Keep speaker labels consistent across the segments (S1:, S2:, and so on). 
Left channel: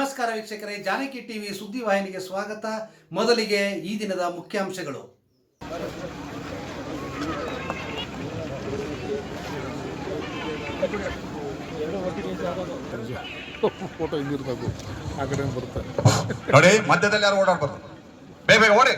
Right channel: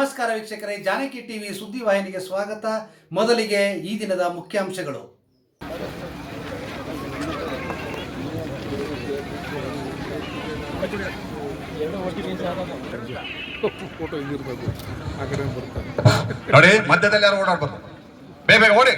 S1: ನಮಸ್ಕಾರ ವೀಕ್ಷಕರೇ ಜಾನಕಿ ಟಿವಿ ಸುದ್ದಿ ವಾಹಿನಿಗೆ ಸ್ವಾಗತ. ಮೊದಲಿಗೆ ಈ ದಿನದ ಮುಖ್ಯಾಂಶಗಳು.
S2: ನೋಡಿ ಮಧ್ಯದಲ್ಲಿ ಯಾರು ಓಡಾಡ್ಬೋದು ಬೇಗ ಬೇಗ ಓಡಿ.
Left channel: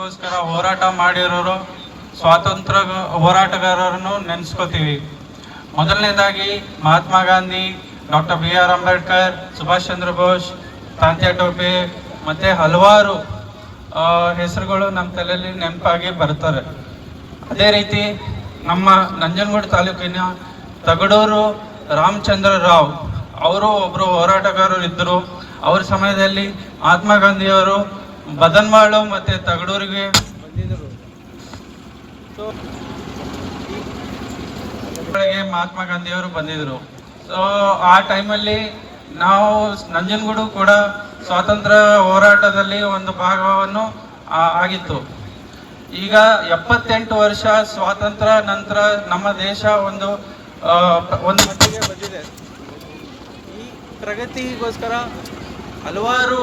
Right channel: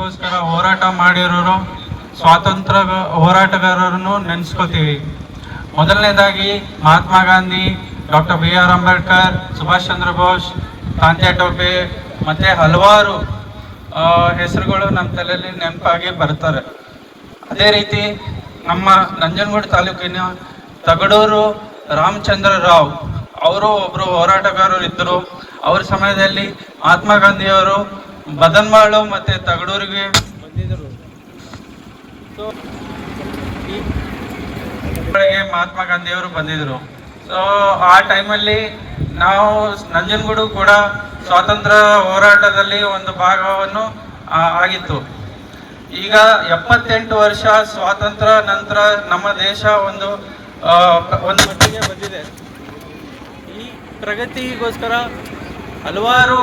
S3: ಸ್ವಾತಂತ್ರ್ಯಕ್ಕೋಸ್ಕರ ಹೋರಾಟ ಮಾಡಿರೋರು, ಸ್ವಾತಂತ್ರ್ಯ ಹೋರಾಟಗಾರರನ್ನು ನೆನೆಸ್ಕೋತೀವಿ. ಮೊದಲನೇದಾಗಿ Mahatma Gandhi, doctor B R Ambedkar, Subhash Chandra Bose Tantya Tope ಮತ್ತು ಹಲವಾರು ಹೆಸರುಗಳು ನಮ್ಮ ತಲೆಯಲ್ಲಿ ನೆನಪಾಗಿ ಬರ್ತಾರೆ. ಅದೇ ರೀತಿ ನಮ್ಮ ನಂಜನಗೂಡು ತಾಲೂಕಿನ ತಗಡೂರು ರಾಮಚಂದ್ರ ರಾವ್, ಅವರು ಒಬ್ಬರು ಹೋರಾಟಗಾರರು ಇದ್ದರು ಅವ್ರ ಸಮಯದಲ್ಲಿ ಮಹಾತ್ಮ ಗಾಂಧಿಯವರು ಬದನ್ವಾಳು ಮತ್ತೆ ತಗಡೂರಿಗೆ. ಬಂದಿದ್ದರು ಸೊ ಮಹಾತ್ಮ ಗಾಂಧಿಯವರು ಬಂದಿದ್ರು. ಸೊ ಆ ಟೈಮಲ್ಲಿ ನಾವು ನಂಜನಗೂಡು ಕೂಡ ಸ್ವಾತಂತ್ರ್ಯ ಹೋರಾಟದಲ್ಲಿ ಒಂದು ಭಾಗವನ್ನು ಆಗಿತ್ತು. ಈಗ ಎಪ್ಪತ್ತೆಂಟು ವರ್ಷ ಸ್ವಾತಂತ್ರ್ಯ ನಂತರ ನಮ್ಮ ದೇಶ ಒಂದು ಒಂದು ಮಟ್ಟಿಗೆ ಬಂದಿದೆ. ಈ ಪ್ರಗತಿಗೋಸ್ಕರ ಹಲವಾರು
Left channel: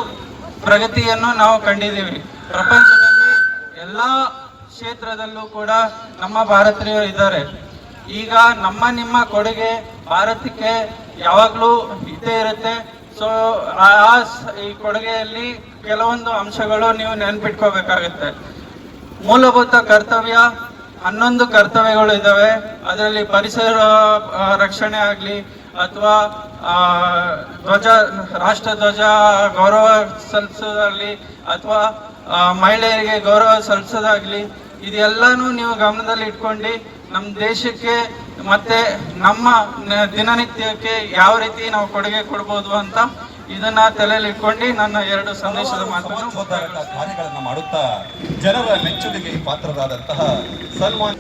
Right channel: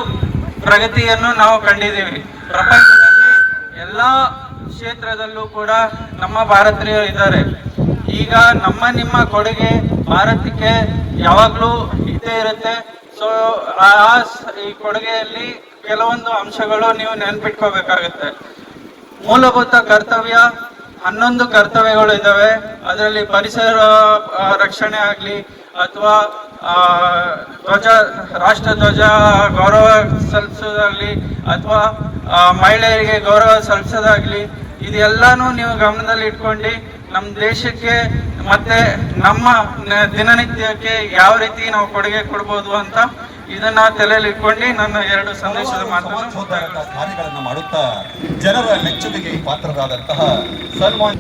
S3: ಪ್ರಗತಿಯನ್ನು ನಾವು ಕಂಡಿದ್ದೀವಿ. ಪ್ರಪಂಚದಲ್ಲಿ ಎಲ್ಲ ಕ್ಷೇತ್ರದಲ್ಲೂ ಕೂಡ ನಮ್ಮ ಭಾರತೀಯರು ಇದ್ದಾರೆ. ಈಗ ನಮ್ಮ ನಿಮ್ಮ ಕೊಡುಗೆ ಭಾರತಕ್ಕೆ ಯಾವಾಗಲೂ ಇದ್ದೇ ಇರುತ್ತೆ. ಸೊ ಆ ಈ ಕೊಡುಗೆಯಲ್ಲಿ ಕೆಲವೊಂದು ಅಂಶಗಳು ನೀವು ನೆನ್ಪಿಟ್ಕೋಬೇಕಾಗುತ್ತೆ. ಮೂಲಭೂತ ಕರ್ತವ್ಯ, ಹನ್ನೊಂದು ಕರ್ತವ್ಯಗಳು ಇದ್ದಾವೆ. ಅದರಲ್ಲಿ ಪರಿಸರ ರಕ್ಷಣೆ ಆಗಲಿ, ಅಥವಾ ಧ್ವಜ ರಾಷ್ಟ್ರ ಧ್ವಜ ಗೌರವ ಸಲ್ಲಿಸೋದಾಗ್ಲಿ ಅಥವಾ ಮಹಿಳೆಯರಿಗೆ ಗೌರವ ಸಲ್ಲಿಸೋದಾಗ್ಲಿ ಇದೆಲ್ಲಾನು ನೀವು ಗಮನದಲ್ಲಿ ಇಟ್ಕೊಂಡು ನಮ್ಮ ದೇಶಕ್ಕೆ ಮತ್ತೆ ನಮ್ಮ ದಿನನಿತ್ಯಕ್ಕೆ ಯಾವ ರೀತಿ ನಾವು ಕೊಡುಗೆ ಕೊಡ್ಬೋದು ಅಂತ ಇದನ್ನ ತಲೆಯಲ್ಲಿ ಇಟ್ಕೊಂಡು ನನ್ನ ಎರಡು ಸಂದೇಶದ ಮಾತನ್ನು
S2: ಕಾರ್ಯಗಳನ್ನು ಮಾಡುತ್ತಾ ಜನರ ಮೆಚ್ಚುಗೆಗೆ ಪಾತ್ರರಾದಂತಹ ಸನ್ಮಾನ್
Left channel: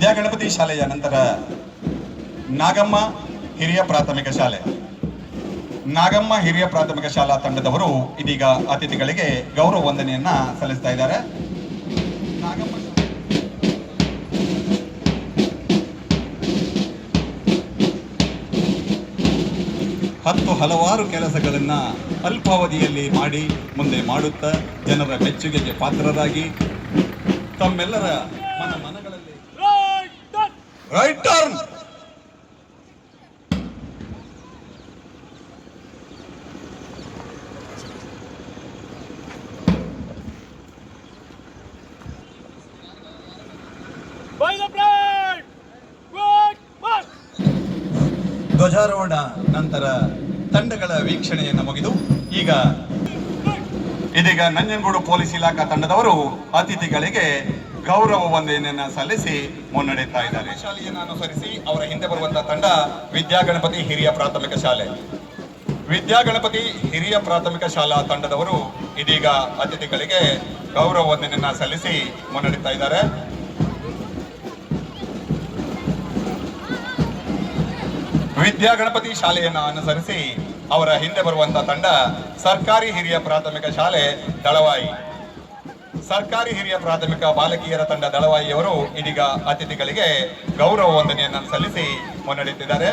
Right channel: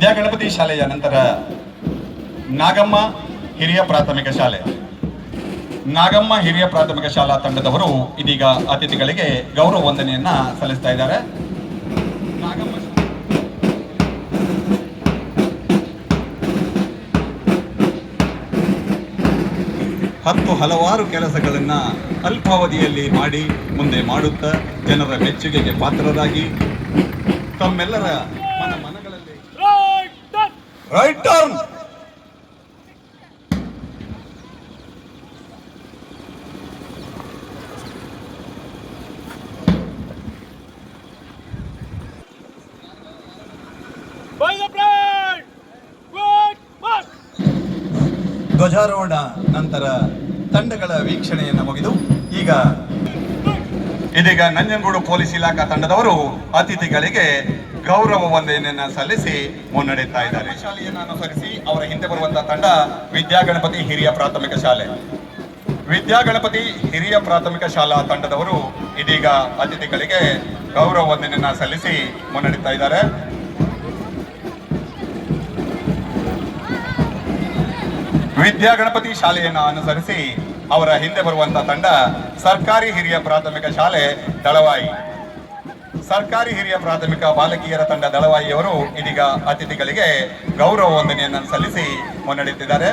S2: ವಿದ್ಯಾಗಣಪತಿ ಶಾಲೆಯ ನಂತರ ನಾಗಮ್ಮ ಹಿರಿಯ ಪ್ರಾಥಮಿಕ ಶಾಲೆ. ನಾಗಮ್ಮ ಹಿರಿಯ ಪ್ರಾಥಮಿಕ ಶಾಲಾ ತಂಡದವರು ಇದೀಗ ಅತಿಥಿಗಳಿಗೆ ಗೌರವ ವಂದನೆಯನ್ನ ಸಲ್ಲಿಸ್ತಾ ಇದ್ದಾರೆ. ನಾಗಮ್ಮ ಹತ್ತು ಹಲವಾರು ಕೆಲಸಗಳನ್ನ ಅಲ್ಪಾವಧಿಯಲ್ಲಿ ಮಾಡಿ ಮುಂದೆ ಮಾಡುತ್ತಾ ಜನರ ಮೆಚ್ಚುಗೆಗೆ ಪಾತ್ರರಾಗಿ ತಮ್ಮೆಲ್ಲರ ರೈಟ್ ಟರ್ನ್ ಧ್ವಜಾರೋಹಣ ನಂತರ ತಂಡಗಳ ವೀಕ್ಷಣೆಯನ್ನು ಮುಗಿದು ಈಗ ಇದೀಗ ನಂಜನಗೂಡು ಪೊಲೀಸ್ ಇಲಾಖಾ ತಂಡದವರು ಅತಿಥಿಗಳಿಗೆ ಗೌರವ ವಂದನೆಯನ್ನ ಸಲ್ಲಿಸಿ ಮುನ್ನಡೆಯುತ್ತಾ ಇದ್ದಾರೆ. ಶಾಲೆಯನ್ನು ಅನುಸರಿಸಿ ಅವರ ಹಿಂದೆ ಬರುವಂತಹ ತಂಡ ವಿದ್ಯಾಗಣಪತಿ ಹಿರಿಯ ಪ್ರಾಥಮಿಕ ಶಾಲೆ. ವಿದ್ಯಾಗಣಪತಿ ಹಿರಿಯ ಪ್ರಾಥಮಿಕ ಶಾಲಾ ತಂಡದವರು ಇದೀಗ ಅತಿಥಿಗಳಿಗೆ ಗೌರವ ವಂದನೆಯನ್ನ ಸಲ್ಲಿಸಿ ಮುನ್ನಡೆಯುತ್ತಾ ಇದ್ದಾರೆ. ವಿದ್ಯಾಗಣಪತಿ ಶಾಲೆಯನ್ನ ಅನುಸರಿಸಿ ಅವರ ಹಿಂದೆ ಬರುವಂತಹ ತಂಡ ಸರ್ಕಾರಿ ಹಿರಿಯ ಪ್ರಾಥಮಿಕ ಶಾಲೆ ದಳವಾಯಿ. ಸರ್ಕಾರಿ ಹಿರಿಯ ಪ್ರಾಥಮಿಕ ಬಾಲಕಿಯರ ತಂಡ ದಳವಾಯಿಯವರು ಇದೀಗ ಅತಿಥಿಗಳಿಗೆ ಗೌರವ ವಂದನೆಯನ್ನು ಸಲ್ಲಿಸಿ ಮುನ್ನಡೆಯುತ್ತಿದ್ದಾರೆ.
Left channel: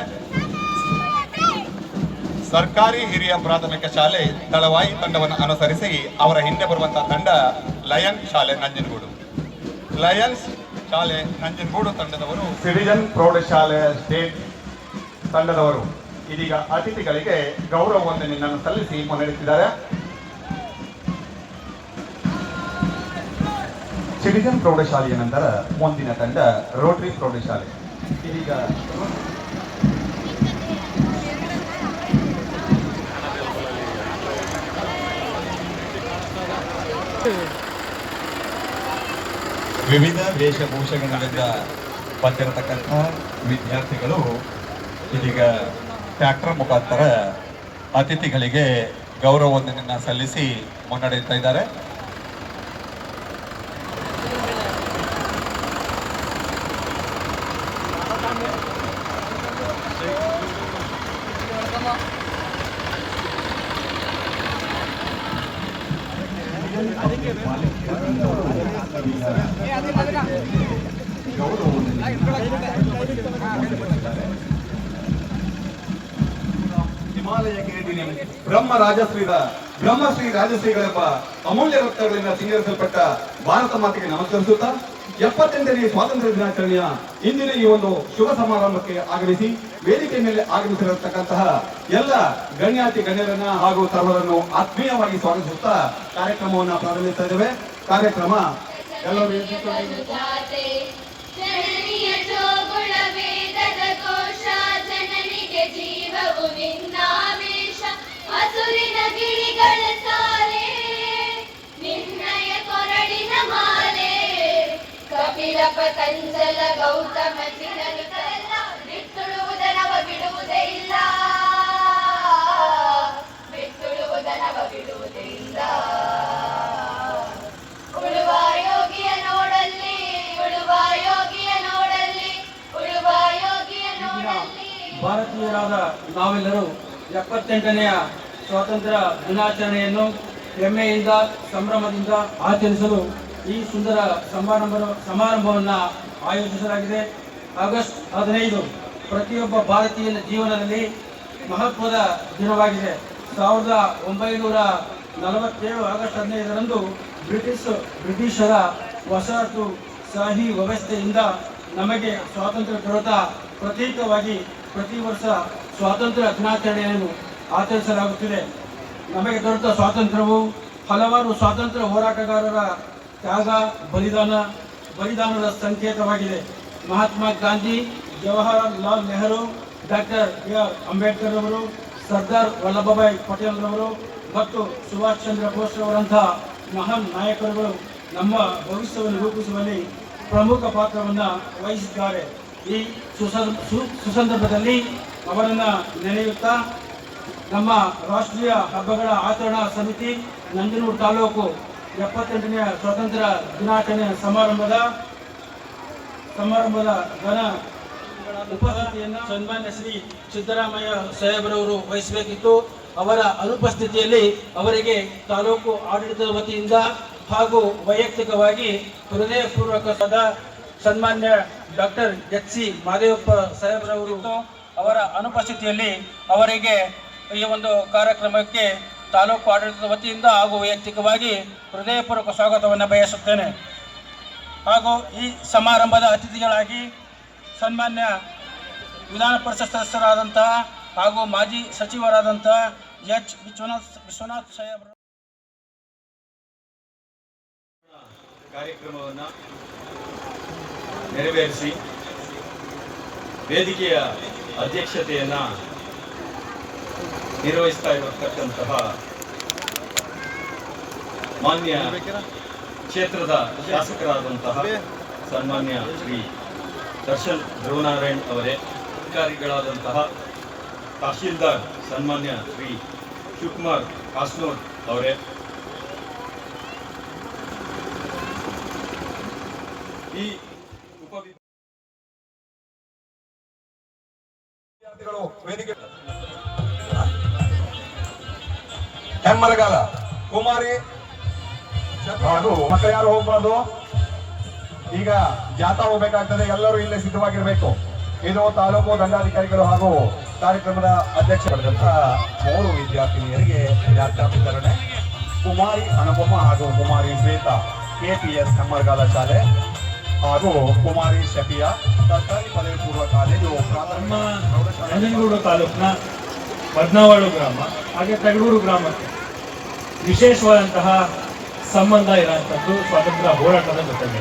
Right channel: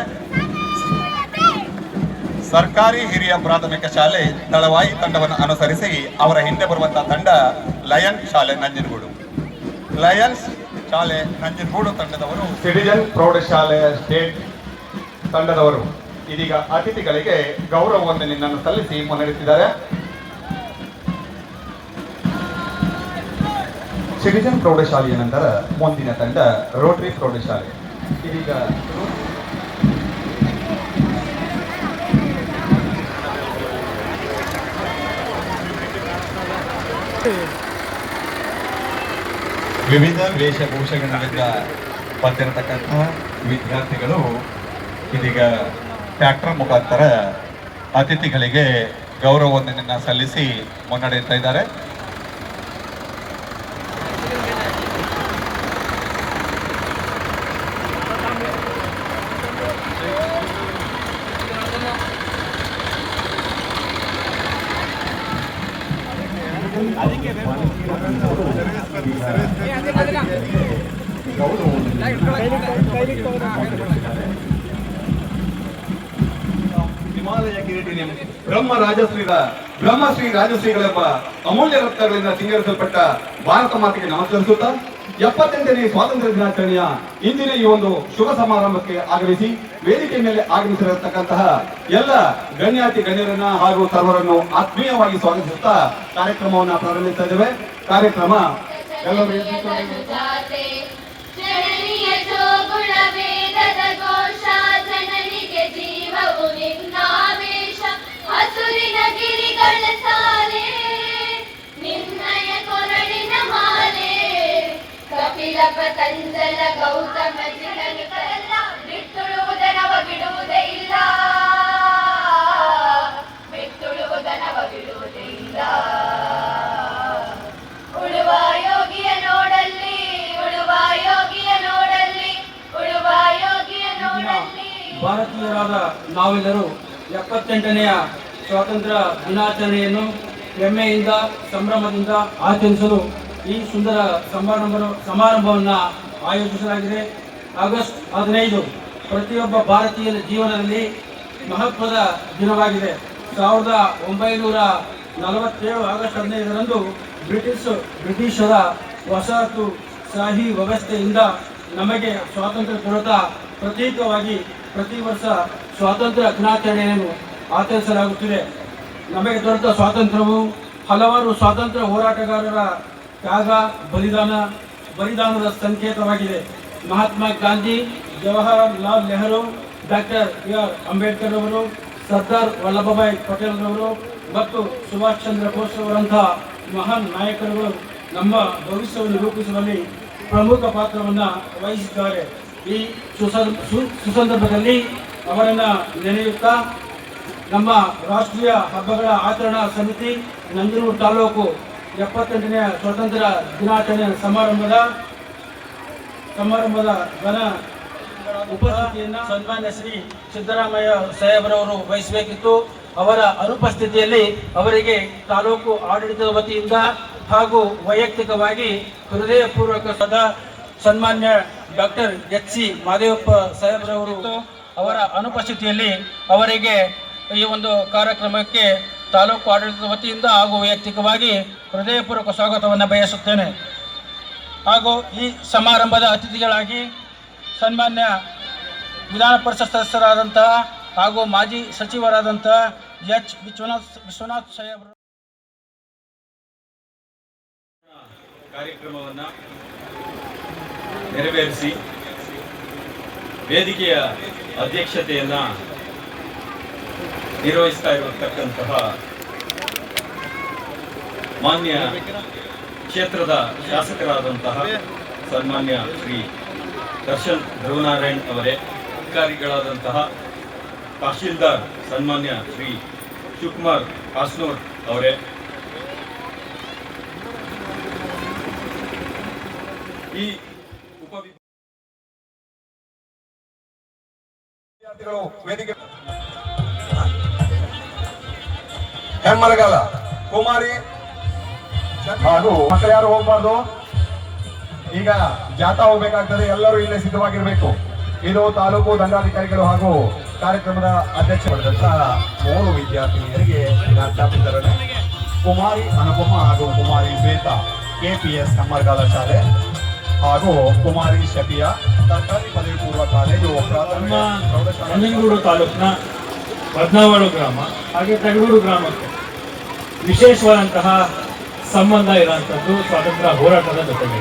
S2: ಸರ್ಕಾರಿ ಹಿರಿಯ ಪ್ರಾಥಮಿಕ ಶಾಲೆ ದಳವಾಯಿ ತಂಡವನ್ನು ಅನುಸರಿಸಿ ಅವರ ಹಿಂದೆ ಬರುವಂತಹ ತಂಡ ಲಯನ್ ಶಾಲೆ ನಂಜನಗೂಡು. ಲಯನ್ಸ್ ಶಾಲೆ ನಂಜನಗೂಡು ತಂಡದವರು ಸಿಟಿಜನ್ ಪ್ರೌಢಶಾಲೆ ಸ್ಟೇಟ್ ತಂಡದವರು ಇದೀಗ ಅತಿಥಿಗಳಿಗೆ ಗೌರವ ವಂದನೆಯನ್ನು ಸಲ್ಲಿಸಿ ಮುನ್ನಡೆಸಿದ್ದಾರೆ ಸಿಟಿಜನ್ ಪ್ರೌಢಶಾಲೆಯ ನಂತರ ಮುಂದಿನ ತಂಡ ರೋಟರಿ ಪ್ರೌಢಶಾಲೆ. ಇದೀಗ ವಿವಿಧ ವೇಷಭೂಷಣಗಳಿಂದ ಬಂದಿರತಕ್ಕಂಥ ವಿದ್ಯಾರ್ಥಿಗಳು ಇದೀಗ ಟ್ಯಾಕ್ಟರ್ ಮುಖಾಂತರ ಅತಿಥಿಗಳಿಗೆ ಗೌರವ ವಂದನೆಯನ್ನ ಸಲ್ಲಿಸಿ ಮುನ್ನಡೆಯುತ್ತಾ ಇದ್ದಾರೆ. ಹಿಮಾಲಯ ಬ್ರಹ್ಮ ರಾಜಶ್ರೀದ ಬ್ರಹ್ಮಶ್ರೀ ರಾಜಶ್ರೀಗಳೆಂಬ ಅಮೂಲ್ಯ ರತ್ನಗಳಿಂದ ಸಿಂಗರಿಸಲ್ಪಟ್ಟ ಭಾರತ ಮಾತೆಗೆ ನಮಸ್ಕರಿಸುತ್ತಾ ಎಪ್ಪತ್ತೆಂಟನೇ ಸ್ವಾತಂತ್ರ್ಯ ದಿನಾಚರಣೆಯ ಇಂದಿನ ಈ ಒಂದು ಶುಭ ಸಮಾರಂಭಕ್ಕೆ ಆಗಮಿಸಿ ವೇದಿಕೆ ಮೇಲೆ ಆಗಮಿಸಿರತಕ್ಕಂತಹ ಎಲ್ಲ ಗಣ್ಯಾತಿ ಗಣ್ಯರನ್ನ ಹಾಗೂ ಸರ್ವರನ್ನು ಆತ್ಮೀಯವಾಗಿ ಸ್ವಾಗತಿಸುತ್ತಾ ಕಾರ್ಯಕ್ರಮವನ್ನು ಪ್ರಾರಂಭಿಸ್ತಾ ಇದ್ದೇವೆ. ಕಾರ್ಯಕ್ರಮ ಎಲ್ಲರೂ
S4: ಕಪಿಲ ಪತಂಜಲ ಗೌತಮ ಚಿರನಿತರೆಲ್ಲ ಬಿಟ್ಟುಳುವುದನವ ಬಿಡುವುದೇ ಇಲ್ಲ. ಬಿಟ್ಟುಳುವುದನವ ಬಿಡುವುದೇ ಇಲ್ಲ. ಉಳುವ ಯೋಗಿಯ ನೋಡಲ್ಲಿ ಉಳುವ ಯೋಗಿಯ ನೋಡಲ್ಲಿ ಉಳುವ ಯೋಗಿಯ ನೋಡಲ್ಲಿ.
S5: ಭಾರತೀಯರಾದ ನಾವೆಲ್ಲರೂ ಎಪ್ಪತ್ತೆಂಟನೆಯ ಸ್ವಾತಂತ್ರ್ಯ ದಿನಾಚರಣೆಯನ್ನು ಹೆಮ್ಮೆಯಿಂದ ಸಂಭ್ರಮದಿಂದ ಆಚರಿಸಲು ಈ ಸುಂದರ ಸಮಾರಂಭ ಸಮಾರಂಭವನ್ನು ಆಯೋಜಿಸಲಾಗಿದೆ. ಆಗಸ್ಟ್ ಹದಿನೈದು ಪ್ರತಿಯೊಬ್ಬ ಭಾರತೀಯನ ಜೀವನದಲ್ಲಿ ಮಹತ್ವದ ದಿನವಾಗಿದೆ. ಸಾವಿರದ ಒಂಬೈನೂರ ನಲವತ್ತೇಳು ಆಗಸ್ಟ್ ಹದಿನೈದರಂದು ಬ್ರಿಟಿಷ್ ಬ್ರಿಟಿಷರ ವಸಾಹತು ಶಾಹಿ ವ್ಯವಸ್ಥೆಯಿಂದ ನಮಗೆ ಸ್ವಾತಂತ್ರ್ಯ ದೊರೆತ ಪ್ರತೀಕವಾಗಿ ಪ್ರತಿ ವರ್ಷ ಸ್ವಾತಂತ್ರ್ಯ ದಿನಾಚರಣೆಯನ್ನು ಆಚರಿಸಲಾಗುತ್ತಿದೆ. ನಮಗೆ ದೊರೆತ ಸ್ವಾತಂತ್ರ್ಯವು ಹಲವಾರು ಸ್ವಾತಂತ್ರ್ಯ ಹೋರಾಟಗಾರರ ತ್ಯಾಗ ಬಲಿದಾನ, ಬಲಿದಾನದ ಸಂಕೇತವಾಗಿದೆ. Mahatma Gandhi, Jawaharlal Nehru, doctor B R Ambedkar ಅವರು ಸರ್ದಾರ್ ವಲ್ಲಭಭಾಯ್ ಪಟೇಲ್ ರವರು ಮತ್ತು ಸುಭಾಷ್ ಚಂದ್ರ ಬೋಸ್ ಅವರಂತಹ ಮಹಾನ್ ನಾಯಕರುಗಳು ನಮ್ಮ ಭವಿಷ್ಯವನ್ನು ರೂಪಿಸುವಲ್ಲಿ ಪ್ರಮುಖ ಪಾತ್ರವನ್ನು ವಹಿಸಿದ್ದಾರೆ. ಈ ಸುಸಂದರ್ಭದಲ್ಲಿ ಅವರನ್ನು ನೆನೆಯುತ್ತಾ ನಮ್ಮ ರಾಷ್ಟ್ರೀಯ ಹಬ್ಬಗಳ ಆಚರಣಾ ಸಮಿತಿ ನಂದೂರು ತಾಲೂಕು ಎಪ್ಪತ್ತೆಂಟನೆಯ ಸ್ವಾತಂತ್ರ್ಯ ದಿನಾಚರಣೆ ಸಮಾರಂಭದ ಸಮಾರಂಭದ ಘನ ಉಪಸ್ಥಿತಿಯನ್ನು ಸನ್ಮಾನ್ಯ ಶ್ರೀ ಸಿದ್ದರಾಮಯ್ಯ ಸಾಹೇಬ್ರವರು ವಹಿಸಬೇಕಿತ್ತು. ಅವರ ಅನುಪಸ್ಥಿತಿಯಲ್ಲಿ ಅವರಿಗೆ ತಾಲೂಕು ಆಡಳಿತದ ವತಿಯಿಂದ ಹಾಗೂ ವೈಯಕ್ತಿಕವಾಗಿ ಹೃದಯಪೂರ್ವಕ ಸದಾ ಸನ್ಮಾನ್ಯ ಡಾಕ್ಟರ್ ಎಚ್ ಸಿ ಮಾದೇವಪ್ಪ ಸಾಹೇಬ್ರವರು ಅವರ ಅನುಪಸ್ಥಿತಿಯಲ್ಲಿ ಅವರಿಗೆ ಈ ಒಂದು ಕಾರ್ಯಕ್ರಮಕ್ಕೆ ತಾಲೂಕು ಆಡಳಿತದ ವತಿಯಿಂದ ಹಾಗೂ ವೈಯಕ್ತಿಕವಾಗಿ ಹೃದಯಪೂರ್ವಕ ಸ್ವಾಗತವನ್ನು ಬಯಸುತ್ತೇನೆ. ಹಾಗೂ ಈ ಸಮಾರಂಭದ ಅತಿಥಿಗಳಾಗಿ ಸನ್ಮಾನ್ಯ ವಿಧಾನ ಪರಿಷತ್ ಸದಸ್ಯರಾದಂತಹ ಹಾಗೂ ಮಾಜಿ ಸಚಿವರಾದಂತಹ ಎಚ್. ವಿಶ್ವನಾಥ್ ವಿಶ್ವನಾಥ್ ಸಾಹೇಬರು
S2: ಕಾರ್ಯಕ್ರಮವನ್ನು
S6: ನೆರವೇರಿಸಿ ವೇದಿಕೆಯ ಅಧ್ಯಕ್ಷತೆಯನ್ನ ನಿರ್ವಹಿಸ್ತಾ ಇರತಕ್ಕಂತಹ ಮಾನ್ಯ ಕ್ಷೇತ್ರದ ಶಾಸಕರಾದಂತಹ ಸನ್ಮಾನ್ಯ ಶ್ರೀ ದರ್ಶನ್ ಧ್ರುವನಾರಾಯಣ್ ಅವರೇ, ಅಧಿಕಾರಿಗಳಾದಂತಹ ತಹಶೀಲ್ದಾರ್ ಸನ್ಮಾನ್ಯ ಶ್ರೀ ಶಿವಕುಮಾರ್ ಕಾಸ್ನೂರ್ ಅವರೇ, ಈ
S2: ವಿದ್ಯಾರ್ಥಿಗಳು ವೇದಿಕೆ ಹೆಮ್ಮರಗಾಲ ಕುಮಾರಿ. ಹಾಗೂ ಮಕ್ಕಳು ಯಾರು ಹೋಗ್ಬಾರ್ದು? ಈಗ ಜಾಥಾ ಹೋಗ್ಬೇಕಾಗ್ತದೆ ಎಲ್ಲರೂ ಇಲ್ಲೇ ಸಿದ್ಧವಾಗಿರ್ಬೇಕು. ಇದು ತಾಲೂಕು ದಂಡಾಧಿಕಾರಿಗಳು ಹಾಗೂ ಕಾರ್ಯಕ್ರಮದ ಅಧ್ಯಕ್ಷರಾದಂತಹ ಮೂರು ವಿದ್ಯಾರ್ಥಿನಿಯರಿಗೆ ಲ್ಯಾಪ್ಟಾಪ್ ವಿತರಣೆ. ಕುಮಾರಿ ಅನುಪಮ ಹಾಗೂ ಕುಮಾರಿ ಶ್ವೇತಾ ಕೆಪಿಎಸ್ ಹೆಮ್ಮರಗಾಲ ಶಾಲೆ ಹಾಗೂ ಕುಮಾರಿ ಶಫಿಯಾ ಸರ್ಕಾರಿ ಪದವಿ ಪೂರ್ವ ಕಾಲೇಜು
S7: ನಮ್ಮ ನಂಜನಗೂಡು ತಾಲೂಕಿನ ಬದ್ನಾವಾಳು ಗ್ರಾಮ, ಹಾಗೆ ತಗಡೂರು ಗ್ರಾಮಕ್ಕೆ. ವಿಶೇಷವಾದಂತಹ ಸಂಬಂಧ ಇರುವಂಥದ್ದು ಸ್ವಾತಂತ್ರ್ಯ ಹೋರಾಟದ ಜೊತೆಗೆ.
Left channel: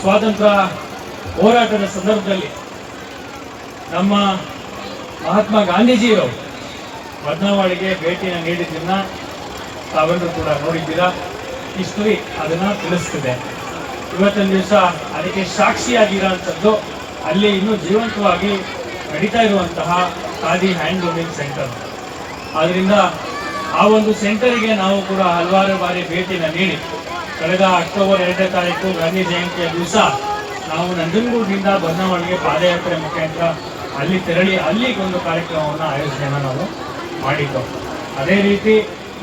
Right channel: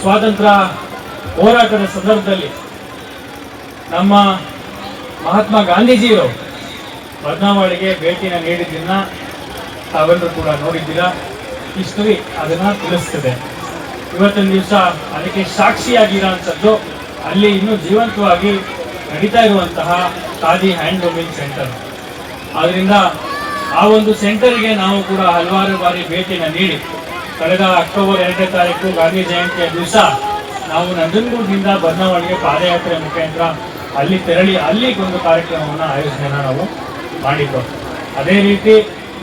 S7: ಸ್ವಾತಂತ್ರ್ಯ ಹೋರಾಟದ ಸಂದರ್ಭದಲ್ಲಿ ನಮ್ಮ ಮಹಾತ್ಮ ಗಾಂಧೀಜಿಯವರು ಬದ್ನಾವಳಿಗೆ ಭೇಟಿನ ನೀಡಿದ್ದನ್ನ ತಾವೆಲ್ಲರೂ ಕೂಡ ನೋಡಿದ್ದೀರಾ? ಇಷ್ಟರಿ ಅದನ್ನು ತಿಳಿಸ್ತದೆ. ಇವತ್ತಿನ ದಿವಸ ಅದಕ್ಕೆ ಸಾಕ್ಷಿಯಾಗಿರೋಂಥದ್ದು ಅಲ್ಲಿ ಇನ್ನೂ ಜೀವಂತವಾಗಿ ನಡೀತಾ ಇರುವಂತಹ ಖಾದಿ ಹ್ಯಾಂಡ್ಲೂಮಿಂಗ್ ಸೆಂಟರ್ ಆದ್ದರಿಂದ ಆ ಒಂದು ಸೆಂಟರ್ಗೆ ನಾವು ಕೂಡ ಹಲವಾರು ಬಾರಿ ಭೇಟಿನ ನೀಡಿ, ಕಳೆದ ಅಕ್ಟೋಬರ್ ಎರಡನೇ ತಾರೀಕು ಗಾಂಧಿ ಜಯಂತಿಯ ದಿವಸ ನಾವು ನಂಜನಗೂಡಿನಿಂದ ಬನ್ನವಾಳಿಗೆ ಪಾದಯಾತ್ರೆ ಮುಖಾಂತರ ಅಲ್ಲಿ ತೆರಳಿ ಅಲ್ಲಿ ಒಂದು ಕಾರ್ಯಕ್ರಮವನ್ನು ಆಯೋಜನೆಯನ್ನು ನಾವು ಮಾಡಿದ್ದು. ಅದೇ ರೀತಿ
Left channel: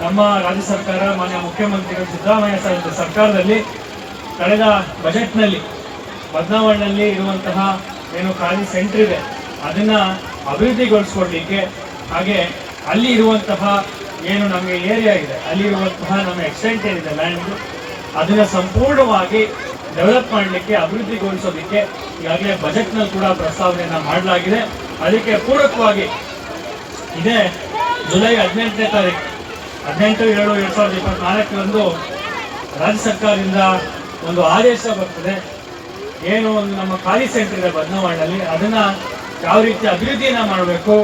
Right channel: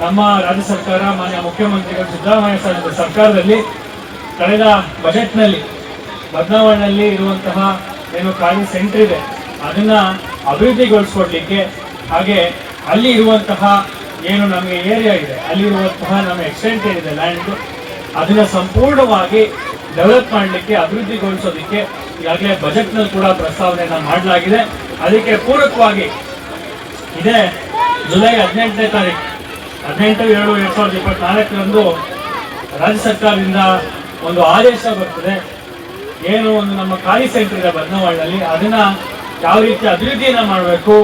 S7: ನಮ್ಮ ರಾಜ್ಯ ಸರ್ಕಾರ, ಮಾನ್ಯ ಮುಖ್ಯಮಂತ್ರಿಗಳು, ಸಿದ್ದರಾಮಯ್ಯ ಸರ್ ಸರ್ಕಾರದಲ್ಲಿ ಕಳೆದ ಬಜೆಟ್ನಲ್ಲಿ ಬದಲಾವಣೆಯಲ್ಲಿ ಇರುವಂತಹ ಏನು ಖಾಲಿ ಸೆಂಟರ್ ಇದೆ, ಅದನ್ನ ಅಭಿವೃದ್ಧಿಗೊಳಿಸ್ಕೊಡ್ಲಿಕ್ಕೆ. ಹಾಗೆ ಅಲ್ಲಿ ಇರುವಂತಹ ಏನು ನಮಗೆ ಏರಿಯಾ ಇದೆ, ಅಲ್ಲಿ ಇರುವಂತಹ ನಮ್ಮ ಎಕ್ಸ್ಟೆಂಟ್ ಏನಿದೆ ಲ್ಯಾಂಡ್ ಅದನ್ನ ಸಂಪೂರ್ಣವಾಗಿ ಡೆವಲಪ್ ಮಾಡಲಿಕ್ಕೆ, ಅಭಿವೃದ್ಧಿಗೊಳಿಸೋದಕ್ಕೆ ಈಗಾಗಲೇ ಬಜೆಟ್ನಲ್ಲಿ ಕೂಡ ಪ್ರಸ್ತಾವನೆಯನ್ನ ಮಾಡಲಾಗಿದೆ. ಅದಕ್ಕೆ ಪೂರಕವಾಗಿ ಇದೇ ಜುಲೈ ಹದಿನೆಂಟನೇ ತಾರೀಕು ಹದಿನೆಂಟು, ಎರಡು, ಎರಡ್ ಸಾವಿರದ ಇಪ್ಪತ್ನಾಲ್ಕರಂದು ರಾಜ್ಯ ಸರ್ಕಾರದಿಂದ ಒಂದು ಆದೇಶ ಬರ್ತದೆ. ಏನು ಒಂದು ನಮ್ಮ ಖಾಲಿ ಸೆಂಟರ್ ಇದೆ ಬದನವಾಳಿನಲ್ಲಿ ಅದನ್ನ ಯಾವ ರೀತಿ ಅಭಿವೃದ್ಧಿಯನ್ನ ಮಾಡಬೇಕು,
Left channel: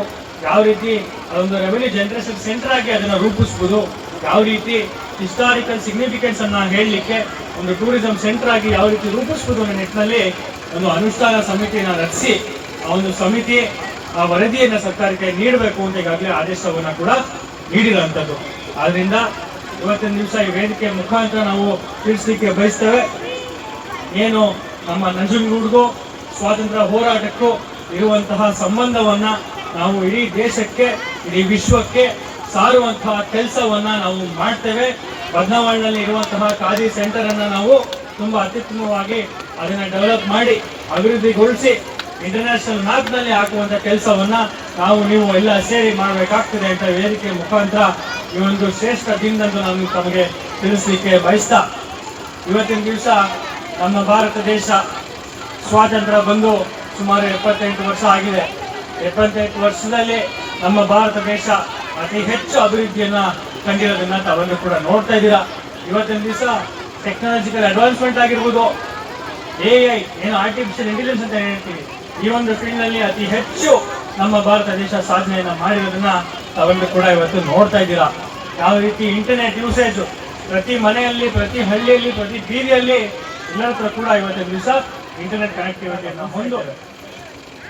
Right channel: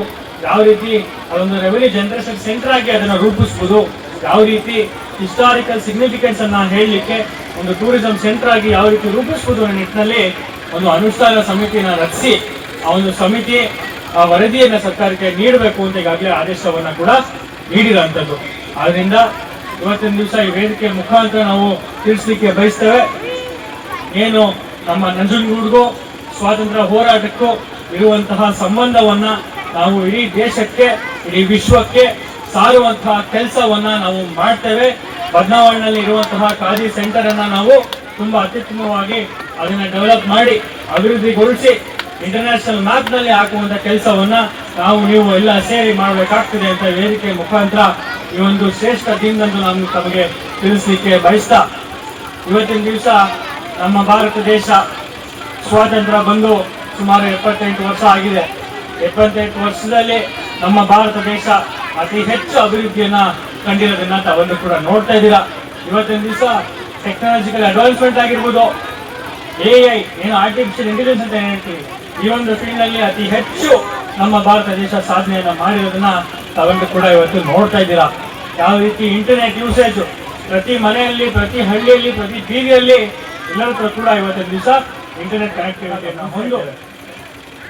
S7: ಯಾವ ರೀತಿ ಅದೊಂದು ರೆವೆನ್ಯೂ ಜನರೇಷನ್ ಸೆಂಟರ್ ಆಗಿ ಅದನ್ನು ರೂಪಿಸ್ಬೋದು, ಯಾವ ರೀತಿ ಹಿಸ್ಟಾರಿಕಲ್ ಸಿಗ್ನಿಫಿಕೆನ್ಸ್ ಅನ್ನ ಹೇಳಲಿಕ್ಕೆ ಒಂದು ಟೂರಿಸಂ ಸೆಂಟರ್ ಆಗಿ ಯಾವ ರೀತಿ ರೂಪಿಸ್ಬೋದು ಅನ್ನೋ ನಿಟ್ಟಿನಲ್ಲಿ ಒಂದು ಅನುಷ್ಠಾನ ಸಮಿತಿಯನ್ನು ರಚಿಸಿ, ಆ ಒಂದು ಸಮಿತಿ, ಆ ವರದಿಯನ್ನು ಸರ್ಕಾರಕ್ಕೆ ನೀಡಬೇಕು ಅಂತ ಈಗಾಗಲೇ ಆದೇಶವನ್ನ ಕೂಡ ನೀಡಿರುವಂಥದ್ದು. ಆದ್ರಿಂದ ಇವತ್ತಿನ ದಿವಸ ಈ ವೇದಿಕೆ ಮುಖಾಂತರ ನಾವು ತಿಳಿಸ್ಲಿಕ್ಕೆ ಬಯಸ್ತೇವೆ. ಏನು ನಮ್ಮ ನಂಜನಗೂಡಿಗೂ ಸ್ವಾತಂತ್ರ್ಯ ಹೋರಾಟಕ್ಕೂ ಇರುವಂತಹ ಸಂಬಂಧವನ್ನ ನಾವು ಇಡೀ ದೇಶಕ್ಕೆ, ಇಡೀ ವಿಶ್ವಕ್ಕೆ ಸಾರುವಂತಹ ಕೆಲಸವನ್ನ ನಾವು ಮಾಡ್ತೇವೆ. ಬದನಾವಣೆಯಲ್ಲಿ ಇರುವಂತಹ ಖಾದಿ ಸೆಂಟರ್ ಅನ್ನ ನಾವು ತುಂಬಾ ಅತ್ಯುತ್ತಮವಾಗಿ ಅದನ್ನ ಡೆವಲಪ್ ಮಾಡಿ, ಅಭಿವೃದ್ಧಿಗೊಳಿಸಿ ಇಂಟರ್ನ್ಯಾಷನಲ್ ಮ್ಯಾಪ್ನಲ್ಲಿ ಹಾಕುವಂತ ಕೆಲಸವನ್ನ ನಾವು ನೀವು ಎಲ್ಲ ಸೇರಿ ಮಾಡಬೇಕಾಗ್ತದೆ ಅಂತ ವೇದಿಕೆ ಮುಖಾಂತರ ಈ ಒಂದು ಶ್ರೇಷ್ಠ ದಿನದಂದು ನಾನು ತಮಗೆ ತಿಳಿಸಲಿಕ್ಕೆ ಬಯಸ್ತಾ, ಇವತ್ತಿನ ದಿವಸ ನಮ್ಮ ಭಾರತ ದೇಶ ಸ್ವಾತಂತ್ರ್ಯ ಬಂದು ಸುಮಾರು ಎಪ್ಪತ್ತೆಂಟು ವರ್ಷ ಆಗಿದೆ. ಎಪ್ಪತ್ತೆಂಟು ವರ್ಷದಲ್ಲಿ ನಮ್ಮ ಭಾರತ ದೇಶ ಅತಿ ಹೆಚ್ಚು ಅಭಿವೃದ್ಧಿಯನ್ನ ಕಂಡಿರೋದನ್ನ ತಾವೆಲ್ಲರೂ ಕೂಡ ನೋಡ್ತಾ ಇದ್ದೀರಾ. ಇವತ್ತಿನ ದಿವಸ ಟೆಕ್ನಾಲಜಿಕಲ್ ಅಡ್ವಾನ್ಸ್ಮೆಂಟ್ ಆಗಿರ್ಬೋದು. ಎ ಐ ಏನು ಆರ್ಟಿಫಿಷಿಯಲ್ ಇಂಟೆಲಿಜೆನ್ಸ್ ಅಂತ ಹೇಳ್ತೀವಿ? ಈ ಒಂದು ಫೀಲ್ಡ್ನಲ್ಲಿ ಅತಿ ಹೆಚ್ಚು ನಮ್ಮ ಭಾರತ ದೇಶ ಸಾಧನೆಯನ್ನ ಮಾಡಿರೋದನ್ನ ತಾವೆಲ್ಲರೂ ಕೂಡ ಇವತ್ತು ನೋಡ್ತಾ ಇದ್ದೀರಾ. ಯಾವ ರೀತಿ ಇಂಟರ್ನೆಟ್ ಯೂಸೇಜ್ ಪ್ರತಿ ಮನೆಯಲ್ಲಿ, ಪ್ರತಿ ಹಳ್ಳಿಯಲ್ಲಿ, ಪ್ರತಿ ಬೀದಿಯಲ್ಲಿ ಎಲ್ಲರ ಕೂಡ ಇವತ್ತಿನ ದಿವಸ ಇಂಟರ್ನೆಟ್ ಕನೆಕ್ಟಿವಿಟಿಯನ್ನು ಹೊಂದು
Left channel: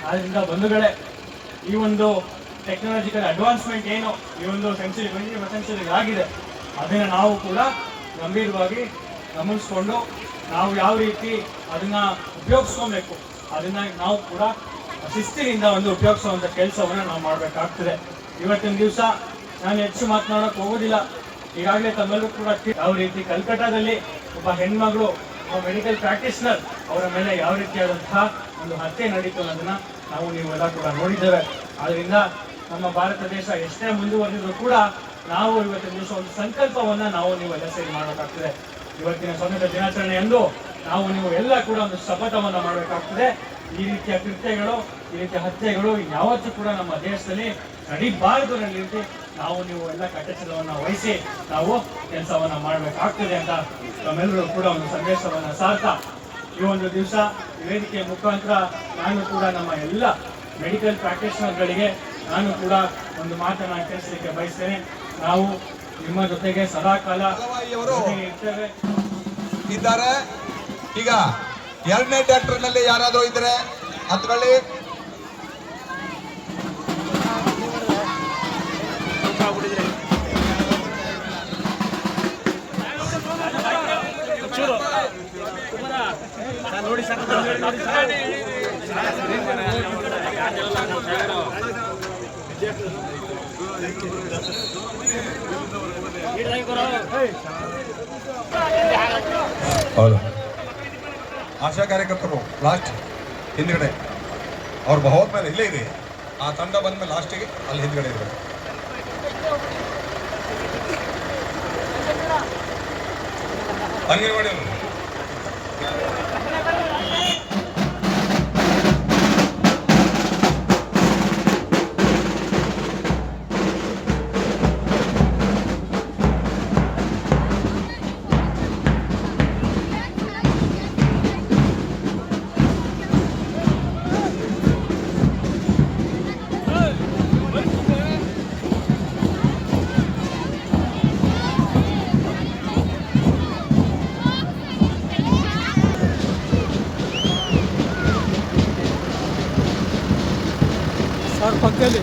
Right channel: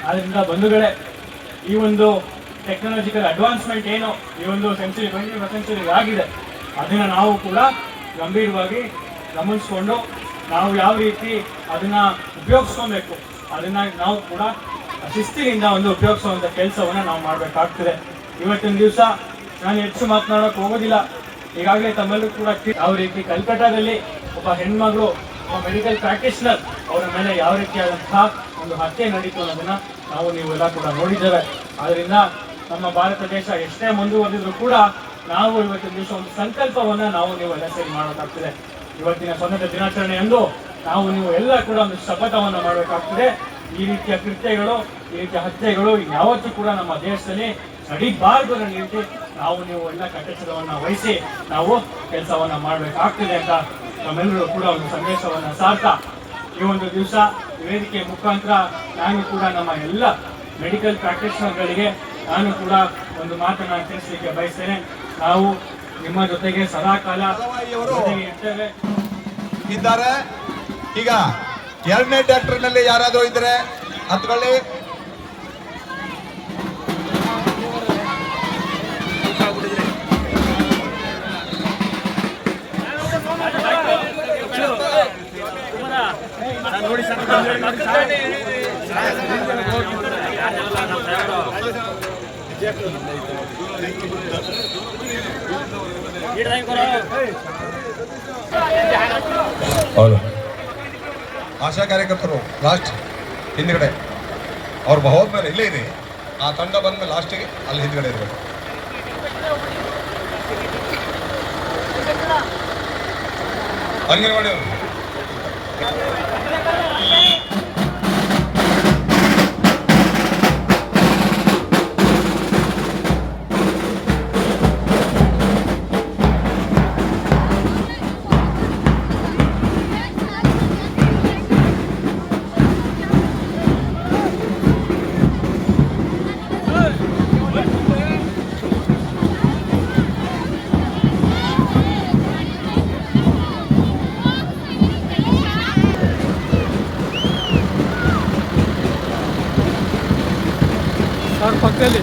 S7: ಆದ್ದರಿಂದ ಬಂಧುಗಳೇ, ಈ ಒಂದು ಟೆಕ್ನಾಲಜಿಕಲ್ ಅಡ್ವಾನ್ಸ್ಮೆಂಟ್ ಏನು, ಈ ಒಂದು ಸೆಂಚುರಿ ಟ್ವೆಂಟಿ ಸೆಂಚುರಿ ಆಗಿದೆ, ಅದನ್ನ ನಾವು ಕೂಡ ಗಂಭೀರವಾಗಿ ಗಮನಿಸ್ಕೊಂಡು, ನಾವು ಯಾವ ರೀತಿ ಅದನ್ನ ಉಪಯೋಗಿಸ್ಕೊಬೇಕು, ಅದನ್ನ ನಾವು ಕೂಡ ಶಿಸ್ತಿನಿಂದ ಒಂದು ಉಪಯೋಗಿಸುವಂತ ಕೆಲಸವನ್ನ ನಾವು ಮಾಡಬೇಕಾಗ್ತದೆ. ಇವತ್ತಿನ ದಿವಸ ನಾನು ಹೆಚ್ಚು ಮಾತನಾಡಕ್ ಹೋಗೋದಿಲ್ಲ. ಈಗಾಗಲೇ ತಮ್ಮಲ್ಲೂ ಕೂಡ ಯಾವ ರೀತಿ ಕಲ್ಕಟ್ಟಾದಲ್ಲಿ ಒಬ್ಬ ಹೆಣ್ಮಗಳು, ಒಬ್ಬ ಮೆಡಿಕಲ್ ಪ್ರಾಕ್ಟೀಷನರ್ ಅವರ ಮೇಲೆ ಯಾವ ರೀತಿಯಾದಂತಹ ಒಂದು ಹತ್ಯೆ ನಡೀತು ಅನ್ನೋದನ್ನ ನಾವು ನೀವೆಲ್ಲ ಕೂಡ ನೋಡಿದ್ದೇವೆ. ಆದ್ರಿಂದ ನಮ್ಮ ಭಾರತ ದೇಶ ಎಷ್ಟೇ ಮುಂದುವರೆದಿದ್ರು ಕೂಡ ನಾವು ಇವತ್ತಿನ ದಿವಸ ಒಂದು ಸಂಕಲ್ಪವನ್ನ ನಾವು ನೀವೆಲ್ಲ ಸೇರಿ ಮಾಡಬೇಕಾಗ್ತದೆ ಇವತ್ತಿನ ಸ್ವಾತಂತ್ರ್ಯ ದಿನಾಚರಣೆಯಂದು ನಾವು ನೀವು ಎಲ್ಲ ಕೂಡ ಒಂದು ಶಪಥವನ್ನ ಮಾಡಬೇಕಾಗ್ತದೆ. ಈ ರೀತಿಯ ಕೃತ್ಯಗಳು, ಈ ರೀತಿಯ ಹತ್ಯೆಗಳು ಯಾವತ್ತೂ ಕೂಡ ನಮ್ಮ ದೇಶದಲ್ಲಿ ನಡೀಬಾರದು ಅನ್ನೋ ನಾವು ನೀವು ಎಲ್ಲ ಕಟ್ಟೆಚ್ಚರವನ್ನ ವಹಿಸಿ ನಾವು ಕೆಲಸವನ್ನ ಮಾಡಬೇಕಾಗ್ತದೆ ಅಂತ ನಮ್ಮೆಲ್ಲರೂ ಕೂಡ ಒಂದು ಸಂದೇಶವನ್ನ ಸಾರ್ತಾ ಈ ಒಂದು ದಿವಸ ವೇದಿಕೆ ಮುಖಾಂತರ ನಾನು ಕೂಡ ನಮ್ಮ ಎಲ್ಲ ಮೆಡಿಕಲ್ ಪ್ರಾಕ್ಟೀಷನರ್ಗಳಿಗೆ ನಾನು ಕೂಡ ಒಂದು ಮಾತನ್ನು ತಿಳಿಸಲಿಕ್ಕೆ ಬಯಸ್ತೇನೆ. ನಾವು ನಿಮ್ಮ ಜೊತೆಗೆ ಸದಾ ಕಾಲ ಇರ್ತೇವೆ
S2: ಇದ್ದಾರೆ. ಈಗ ಎರಡನೇ ಡಾಕ್ಟರ್ನಲ್ಲಿ ಯಾರಾದರೂ ಇದ್ರೆ ಹತ್ಕೊಳ್ಳಿ ಹೌದು. ಆಶಾ ಕಾರ್ಯಕರ್ತರು ಲಾಸ್ಟ್ ಹಿಂದ್ಗಡೆ. ಅವ್ರು ಹೋದ್ಮೇಲೆ ಇಲ್ಲೇ ಇದೆ. ಆ ತಂಡ ಬಂದ್ಮೇಲೆ ಲಾಸ್ಟಿಗೆ ಅಲ್ಲಿ ಹಿಂದ್ಗಡೆ ಇರಬೇಕು. ಅಂಗನವಾಡಿ ಅವರು
S5: ಸರ್ ಪಕ್ಕದಲ್ಲಿ